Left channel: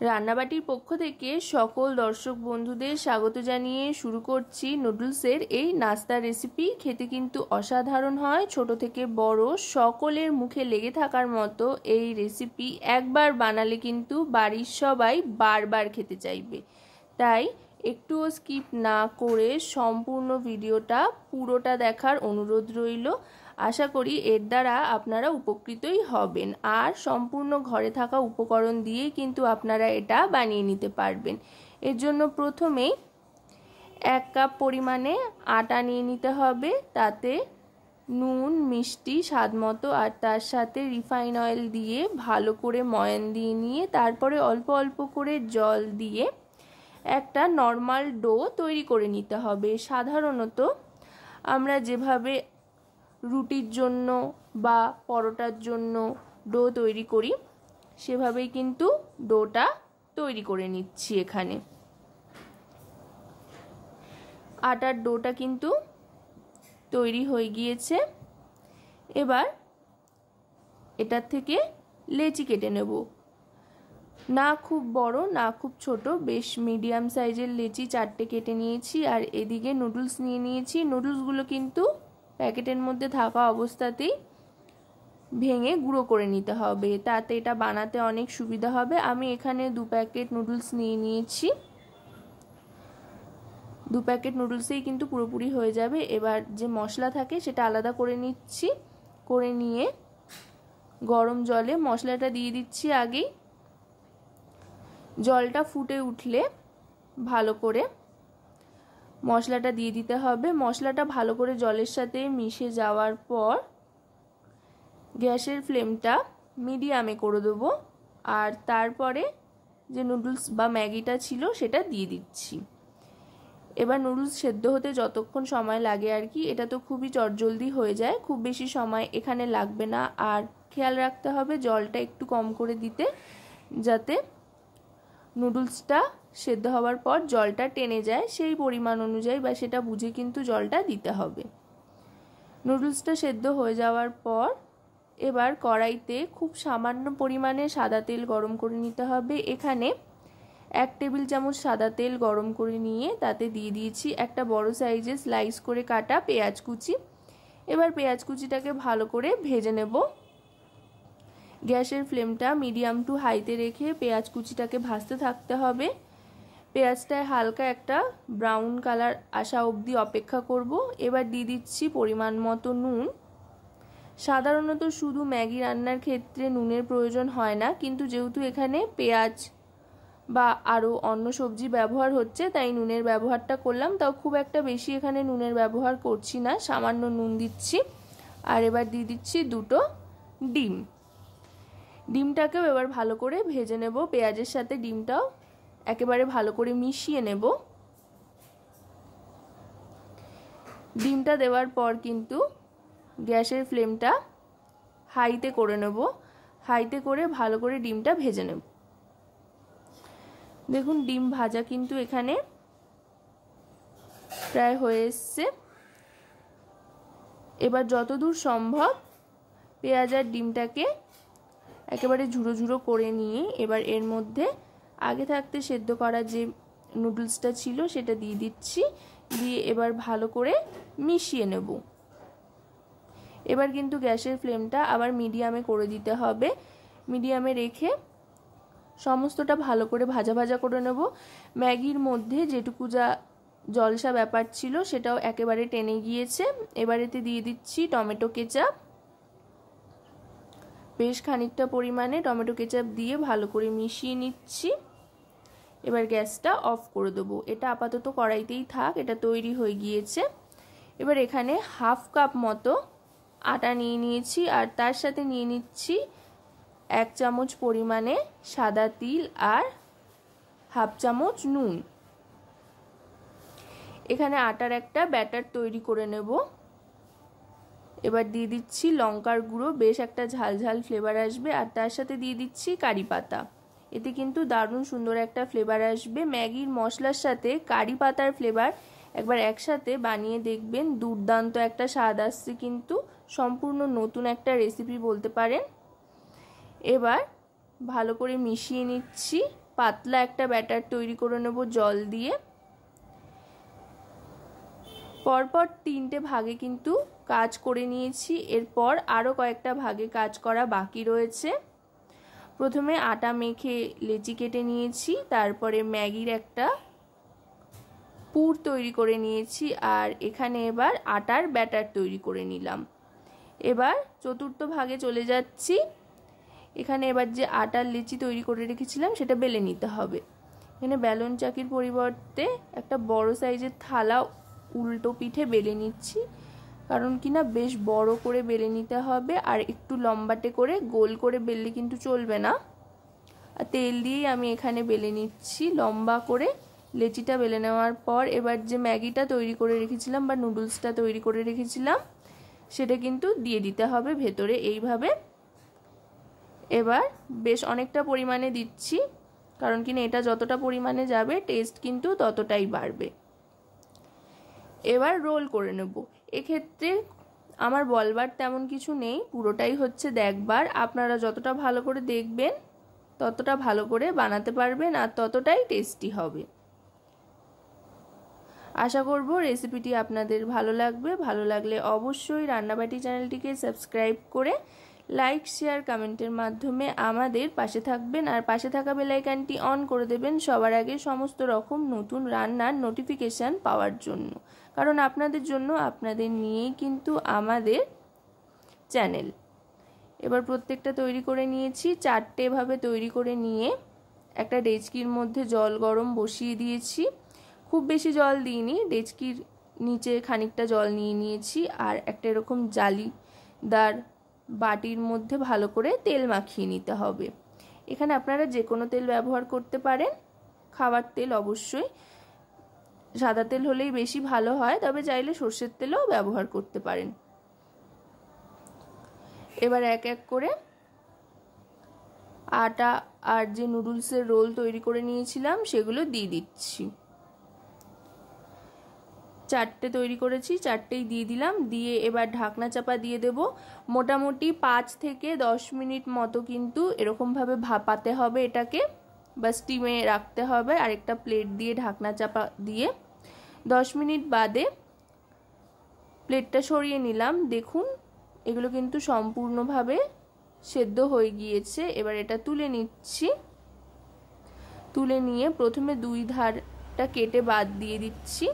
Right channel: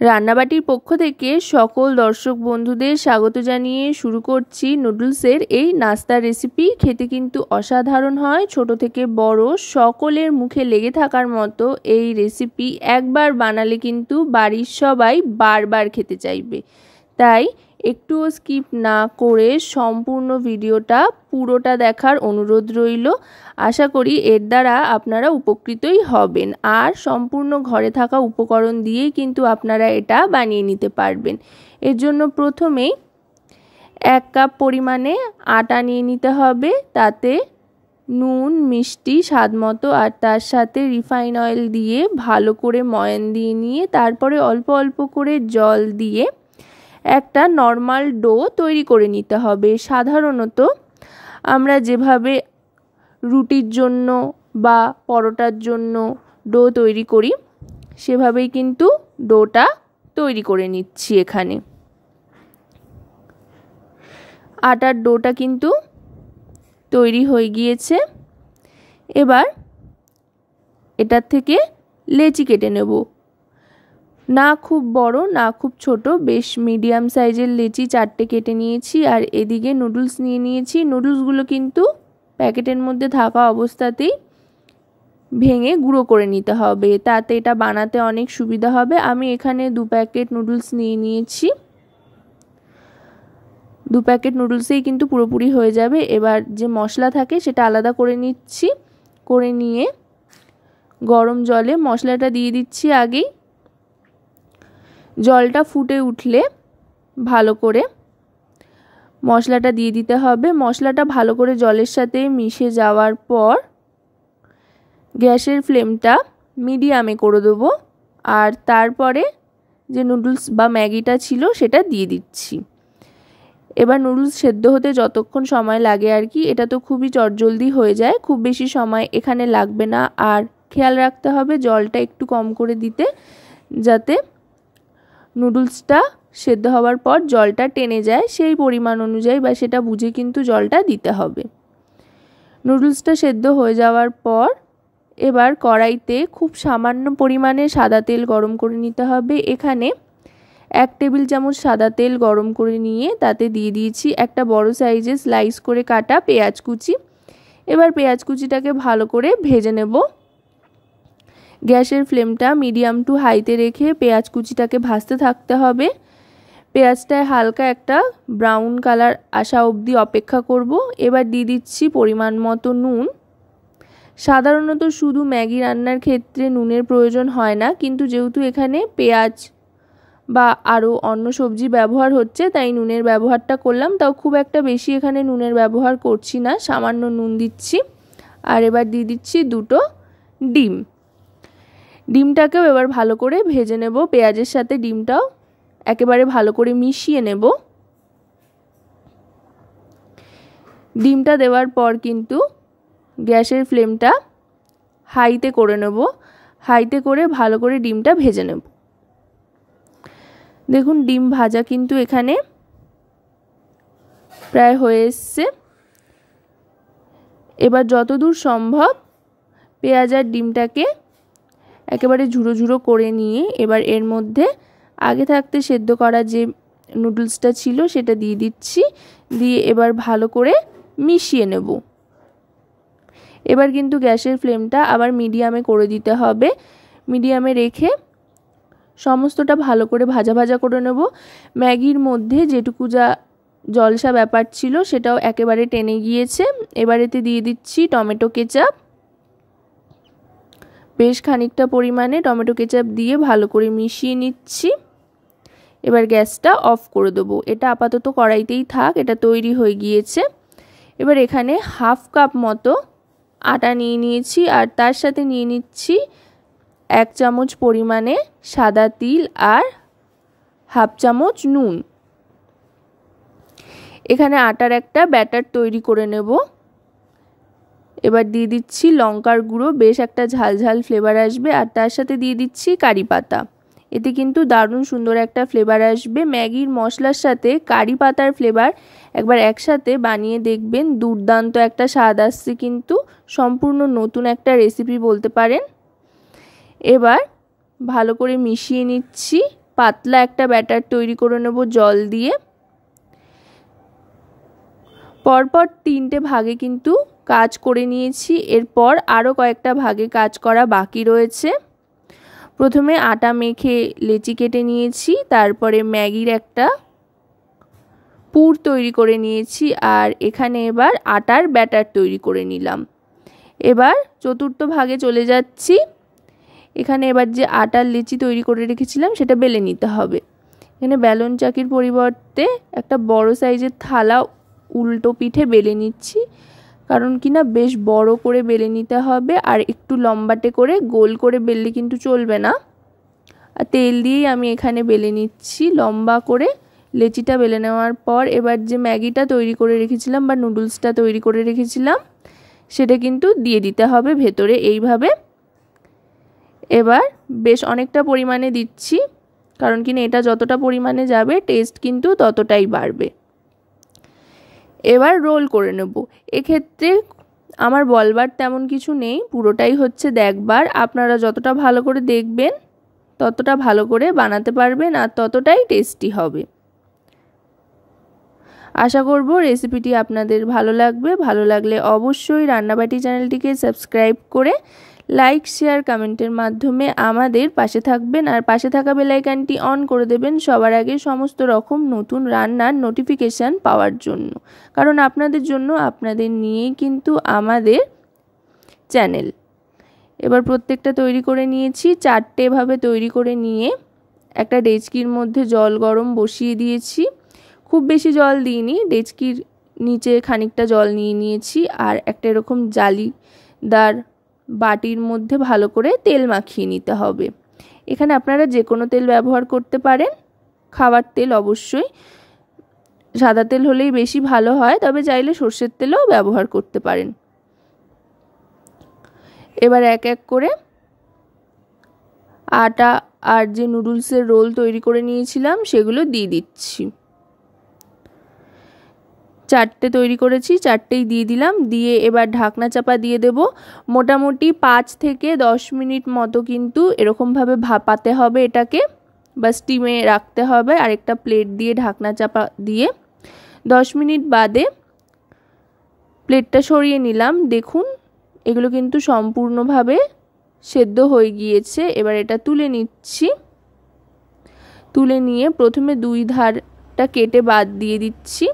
রান্নাবাটির পক্ষ থেকে সকল দর্শক বন্ধুদের স্বাগত জানিয়ে শুরু করছি নুডলসের এই নাস্তার রেসিপি। খেতে কিন্তু অসাধারণ হয়, ছোট থেকে বড় সকলের মুখে লেগে থাকার মতো এই রেসিপি একবার বানালে কিন্তু বাড়ির সবাই বারবার খেতে চাইবে। তাই একটুও স্কিপ না করে সম্পূর্ণ ভিডিওটা পুরোটা দেখার অনুরোধ রইল। আশা করি এর দ্বারা আপনারা উপকৃতই হবেন, আর সম্পূর্ণ ঘরে থাকা উপকরণ দিয়েই কিন্তু আপনারা এটা বানিয়ে নিতে পারবেন। এর জন্য প্রথমেই 1 কাপ পরিমাণে আটা নিয়ে নিতে হবে, তাতে নুন মিষ্টি স্বাদ মতো আর তার সাথে রিফাইন অয়েল দিয়ে ভালো করে ময়ান দিয়ে নিয়ে তারপরে অল্প অল্প করে জল দিয়ে একটা নর্মাল ডো তৈরি করে নিতে হবে। সাধারণত আমরা যেভাবে রুটির জন্য বা পরোটার জন্য ডো তৈরি করি সেভাবেই কিন্তু ডোটা তৈরি করে নিচ্ছি। এখানে আটার ডোটা কিন্তু তৈরি হয়ে গিয়েছে। এবার এটার থেকে লেচি কেটে নেব, না খুব বড় না খুব ছোট, বেশ মিডিয়াম সাইজের লেচি 4টে কেটে নিয়েছি। আর এদিকে নুডলস নিয়ে নিয়েছি। নুডলসগুলো কিন্তু প্যাকেটের মধ্যে থাকা অবস্থাতেই ভেঙে গুঁড়ো করে নিতে হবে, তাতে এটা বানাতে অনেক সুবিধা হবে। আমি এখানে 2 প্যাকেট নুডলস নিয়ে নিয়েছি। 2 প্যাকেট নুডলসেই কিন্তু পুরোপুরি হয়ে যাবে। এবার যে মশলা থাকে সেটা আলাদা করে নিচ্ছি। করে নিয়ে গরম জলে মশলাটা দিয়ে দিচ্ছি। আগেই জলটা ফুটে উঠলে ভালো করে মশলাটা দিয়ে দিতে হবে। মশলাটা ভালো করে জলের সাথে মিশে যাওয়ার পর গ্যাসের ফ্লেমটা মিডিয়ামে করে দেবো, আর তারপরে যে নুডলস বা ম্যাগিটা ছিল সেটা দিয়ে দিচ্ছি। এবার নুডলস সেদ্ধ হতে যতক্ষণ সময় লাগে আর কি, এটা তো খুবই চটজলদি হয়ে যায়, খুব বেশি সময় এখানে লাগবে না। আর খেয়াল রাখতে হবে জলটা একটু কম করে দিতে, যাতে নুডলসটা সেদ্ধ হওয়ার পর জলটা টেনে যায়, সেই পরিমাণ অনুযায়ী বা সেটা বুঝে কিন্তু জলটা দিতে হবে। নুডলসটা সেদ্ধ হয়ে যাওয়ার পর এবার কড়াইতে খুব সামান্য পরিমাণে সাদা তেল গরম করে নিতে হবে। এখানে 1 টেবিল চামচ সাদা তেল গরম করে নিয়ে তাতে দিয়ে দিয়েছি একটা বড় সাইজের স্লাইস করে কাটা পেঁয়াজ কুচি। এবার পেঁয়াজ কুচিটাকে ভালো করে ভেজে নেব। গ্যাসের ফ্লেমটা মিডিয়াম টু হাইতে রেখে পেঁয়াজ কুচিটাকে ভাজতে থাকতে হবে। পেঁয়াজটায় হালকা একটা ব্রাউন কালার আসা অবধি অপেক্ষা করব। এবার দিয়ে দিচ্ছি পরিমাণ মতো নুন। সাধারণত শুধু ম্যাগি রান্নার ক্ষেত্রে নুনের প্রয়োজন হয় না, কিন্তু যেহেতু এখানে পেঁয়াজ বা আরও অন্য সবজি ব্যবহার হচ্ছে তাই নুনের ব্যবহারটা করলাম। তাও খুব একটা বেশি এখানে নুনের ব্যবহার করছি না, সামান্য নুন দিচ্ছি। আর এবার দিয়ে দিচ্ছি 2টো ডিম। ডিমটাকেও এবার ভালো করে ভেজে নেব। পেঁয়াজের সাথে ডিমটাও একেবারে ভালো করে মিশিয়ে নেব। ডিমটা দেওয়ার পর কিন্তু গ্যাসের ফ্লেমটা হাইতে করে নেব। হাইতে করে ভালো করে ডিমটা ভেজে নেব। দেখুন ডিম ভাজা কিন্তু এখানে প্রায় হয়ে এসছে। এবার যতদূর সম্ভব পেঁয়াজ আর ডিমটাকে একেবারে ঝুড়ো ঝুড়ো করে নিয়ে এবার এর মধ্যে আগে থাকতে সেদ্ধ করা যে নুডলসটা ছিল সেটা দিয়ে দিচ্ছি। দিয়ে এবার ভালো করে মিশিয়ে নেব। এবার কিন্তু গ্যাসের ফ্লেমটা আবার মিডিয়ামে করে দিতে হবে। মিডিয়ামে রেখে সমস্তটা ভালো করে ভাজা ভাজা করে নেব। ম্যাগির মধ্যে যেটুকু যা জলসা ব্যাপার ছিল সেটাও একেবারে টেনে গিয়েছে। এবার এতে দিয়ে দিচ্ছি টমেটো কেচাপ। বেশ খানিকটা পরিমাণে টমেটো কেচাপ দিয়ে ভালো করে মিশিয়ে নিচ্ছি। এবার গ্যাসটা অফ করে দেবো। এটা আপাতত কড়াইতেই থাক, এটা তৈরি হয়ে গিয়েছে। এবার এখানে 1/2 কাপ মতো আটা নিয়ে নিয়েছি, আর তার সাথে নিয়ে নিচ্ছি 1 চামচ পরিমাণে সাদা তিল আর 1/2 চামচ নুন। এখানে আটার একটা ব্যাটার তৈরি করে নেব। এবার দিয়ে দিচ্ছি লঙ্কার গুঁড়ো, বেশ একটা ঝালঝাল ফ্লেভার আসবে। আর তার সাথে দিয়ে দিচ্ছি কারি পাতা। এতে কিন্তু দারুণ সুন্দর একটা ফ্লেভার আসবে। ম্যাগির মশলার সাথে কারি পাতার ফ্লেভার একবার একসাথে বানিয়ে দেখবেন, দুর্দান্ত একটা স্বাদ আসছে। কিন্তু সম্পূর্ণ নতুন একটা রেসিপি বলতে পারেন। এবার ভালো করে মিশিয়ে নিচ্ছি পাতলা একটা ব্যাটার তৈরি করে নেব জল দিয়ে। পরপর 3টে ভাগে কিন্তু কাজ করে নিয়েছি, এরপর আরও কয়েকটা ভাগে কাজ করা বাকি রয়েছে। প্রথমে আটা মেখে লেচি কেটে নিয়েছি, তারপরে ম্যাগির একটা পুর তৈরি করে নিয়েছি, আর এখানে এবার আটার ব্যাটার তৈরি করে নিলাম। এবার চতুর্থ ভাগে চলে যাচ্ছি। এখানে এবার যে আটার লেচি তৈরি করে রেখেছিলাম সেটা বেলে নিতে হবে। এখানে বেলন চাকির পরিবর্তে একটা বড় সাইজের থালা উল্টো পিঠে বেলে নিচ্ছি, কারণ কিনা বেশ বড় করে বেলে নিতে হবে, আর একটু লম্বাটে করে গোল করে বেললে কিন্তু চলবে না। আর তেল দিয়েই আমি এখানে বেলে নিচ্ছি লম্বা করে। লেচিটা বেলে নেওয়ার পর এবার যে ম্যাগিটা তৈরি করে রেখেছিলাম বা নুডলসটা তৈরি করে রেখেছিলাম সেটা কিন্তু দিয়ে দিতে হবে ভেতরে এইভাবে। এবার বেশ অনেকটা পরিমাণে দিচ্ছি, কারণ কিনা এটা যতটা পরিমাণে যাবে টেস্ট কিন্তু ততটাই বাড়বে। এবার রোল করে নেব। এক্ষেত্রে আমার বলবার তেমন কিছু নেই, পুরোটাই হচ্ছে দেখবার। আপনারা যতটা ভালো করে দেখবেন ততটা ভালো করে বানাতে পারবেন আর ততটাই টেস্টি হবে। আশা করব রেসিপিটি আপনাদের ভালো লাগবে। ভালো লাগলে অবশ্যই রান্নাবাটি চ্যানেলটিকে সাবস্ক্রাইব করে লাইক শেয়ার কমেন্টের মাধ্যমে আমাদের পাশে থাকবেন, আর পাশে থাকা বেল আইকনটি অন করে দেবেন সবার আগে সমস্ত রকম নতুন রান্নার নোটিফিকেশান পাওয়ার জন্য, কারণ আপনাদের জন্য, আপনাদের নিয়েই কিন্তু আমাদের চ্যানেল। এবার প্রত্যেকটা তৈরি করে নিয়েছি। 4টে ভাবে তৈরি করে নিয়ে একটা ডেচকির মধ্যে জল গরম বসিয়ে দিয়েছি। খুব বেশি জল দিইনি, ডেচকির নিচে খানিকটা জল নিয়ে নিয়েছি, আর একটা এরকম জালিদার বাটির মধ্যে ভালো করে তেল মাখিয়ে নিতে হবে। এখানে আপনারা যে কোনো তেল ব্যবহার করতে পারেন, খাবার তেল অবশ্যই, সাদা তেল হলেই বেশি ভালো হয়, তবে চাইলে সর্ষের তেলও ব্যবহার করতে পারেন। এবার এক এক করে আটা আর যে নুডলসের রোল তৈরি করে নিয়েছিলাম সেগুলো দিয়ে দিচ্ছি। 4টে তৈরি করেছি, 4টেই দিয়ে দিলাম। দিয়ে এবার ঢাকনা চাপা দিয়ে দেব। মোটামুটি 5 থেকে 10 মিনিট মতো কিন্তু এরকমভাবে ভাপাতে হবে এটাকে, বা স্টিমে রাখতে হবে। আরেকটা প্লেট দিয়ে ঢাকনা চাপা দিয়ে 10 মিনিট বাদে প্লেটটা সরিয়ে নিলাম। দেখুন এগুলো কিন্তু সম্পূর্ণভাবে সেদ্ধ হয়ে গিয়েছে। এবার এটা তুলে নিচ্ছি। তুলে নিয়ে প্রথমে 2 ধারটা কেটে বাদ দিয়ে দিচ্ছি।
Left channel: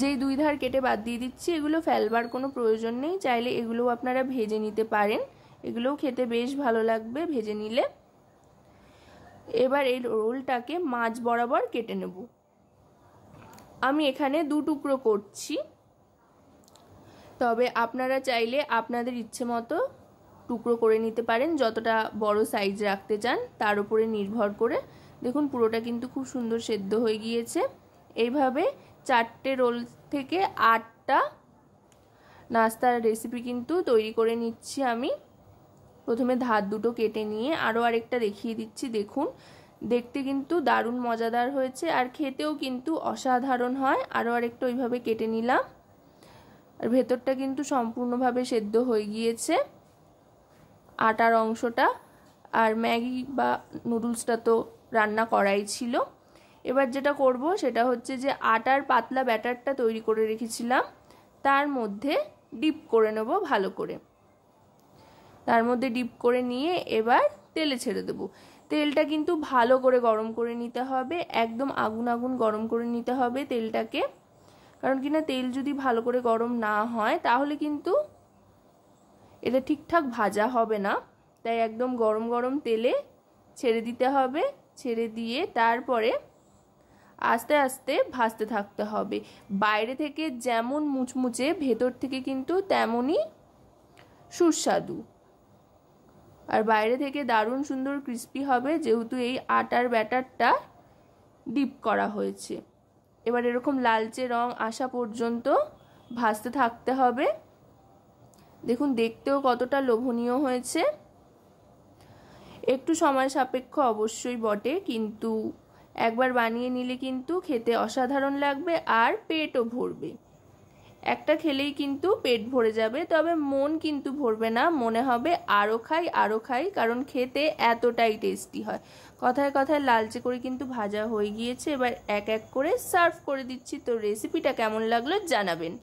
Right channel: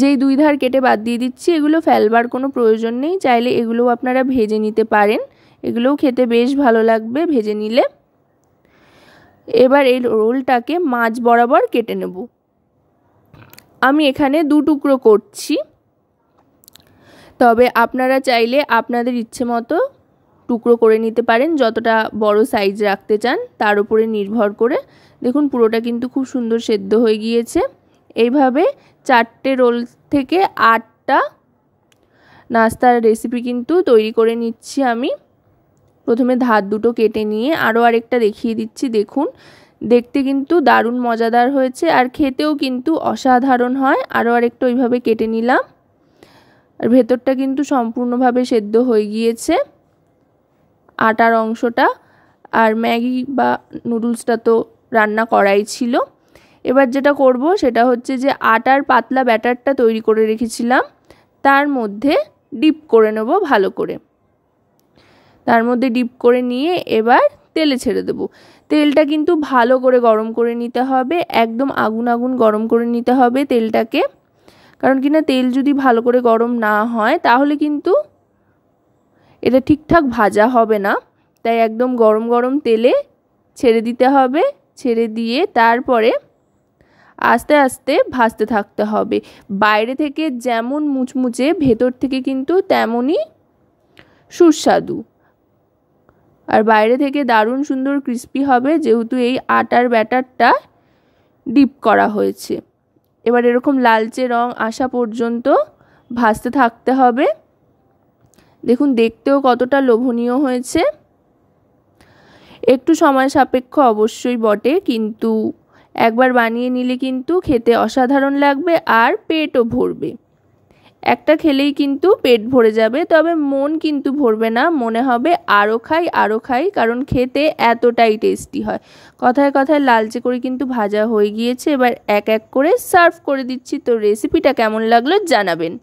যেই 2 ধার কেটে বাদ দিয়ে দিচ্ছি এগুলো ফেলবার কোনো প্রয়োজন নেই, চাইলে এগুলোও আপনারা ভেজে নিতে পারেন, এগুলোও খেতে বেশ ভালো লাগবে ভেজে নিলে। এবার এই রোলটাকে মাঝ বরাবর কেটে নেব। আমি এখানে 2 টুকরো করছি, তবে আপনারা চাইলে আপনাদের ইচ্ছে মতো টুকরো করে নিতে পারেন, যতটা বড় সাইজ রাখতে চান তার উপরে নির্ভর করে। দেখুন পুরোটা কিন্তু খুব সুন্দর সেদ্ধ হয়ে গিয়েছে। এইভাবে 4টে রোল থেকে 8টা নাস্তার রেসিপি কিন্তু তৈরি করে নিচ্ছি আমি। প্রথমে ধার দুটো কেটে নিয়ে আরও আরেকটা দেখিয়ে দিচ্ছি। দেখুন দেখতে কিন্তু দারুণ মজাদার হয়েছে, আর খেতেও কিন্তু অসাধারণ হয়। আরও আরেকটা ওইভাবে কেটে নিলাম, আর ভেতরটা কিন্তু সম্পূর্ণভাবে সেদ্ধ হয়ে গিয়েছে আটার অংশটা। আর ম্যাগি বা নুডলসটা তো রান্না করাই ছিল। এবার যেটা করব সেটা হচ্ছে যে আটার পাতলা ব্যাটারটা তৈরি করে রেখেছিলাম তার মধ্যে ডিপ করে নেব ভালো করে। তার মধ্যে ডিপ করে নিয়ে এবার তেলে ছেড়ে দেব। তেলটা কিন্তু ভালো করে গরম করে নিতে হবে, একদম আগুন আগুন গরম করে নিতে হবে তেলটাকে, কারণ কিনা তেল যদি ভালো করে গরম না হয় তাহলে কিন্তু এটা ঠিকঠাক ভাজা হবে না। তাই একদম গরম গরম তেলে ছেড়ে দিতে হবে। ছেড়ে দিয়ে তারপরে আস্তে আস্তে ভাজতে থাকতে হবে। বাইরে থেকে যেমন মুচমুচে, ভেতর থেকে কিন্তু তেমনই সুস্বাদু, আর বাইরে থেকে দারুণ সুন্দর ক্রিস্পি হবে, যেহেতু এই আটার ব্যাটারটা ডিপ করা হয়েছে। এবার এরকম লালচে রং আসা পর্যন্ত ভাজতে থাকতে হবে। দেখুন দেখতেও কতটা লোভনীয় হয়েছে। একটু সময় সাপেক্ষ অবশ্যই বটে, কিন্তু একবার বানিয়ে নিলে কিন্তু খেতে অসাধারণ লাগবে আর পেটও ভরবে। একটা খেলেই কিন্তু পেট ভরে যাবে, তবে মন কিন্তু ভরবে না, মনে হবে আরও খাই আরও খাই, কারণ খেতে এতটাই টেস্টি হয়। কথায় কথায় লালচে করে কিন্তু ভাজা হয়ে গিয়েছে, এবার এক এক করে সার্ভ করে দিচ্ছি। তো রেসিপিটা কেমন লাগলো জানাবেন।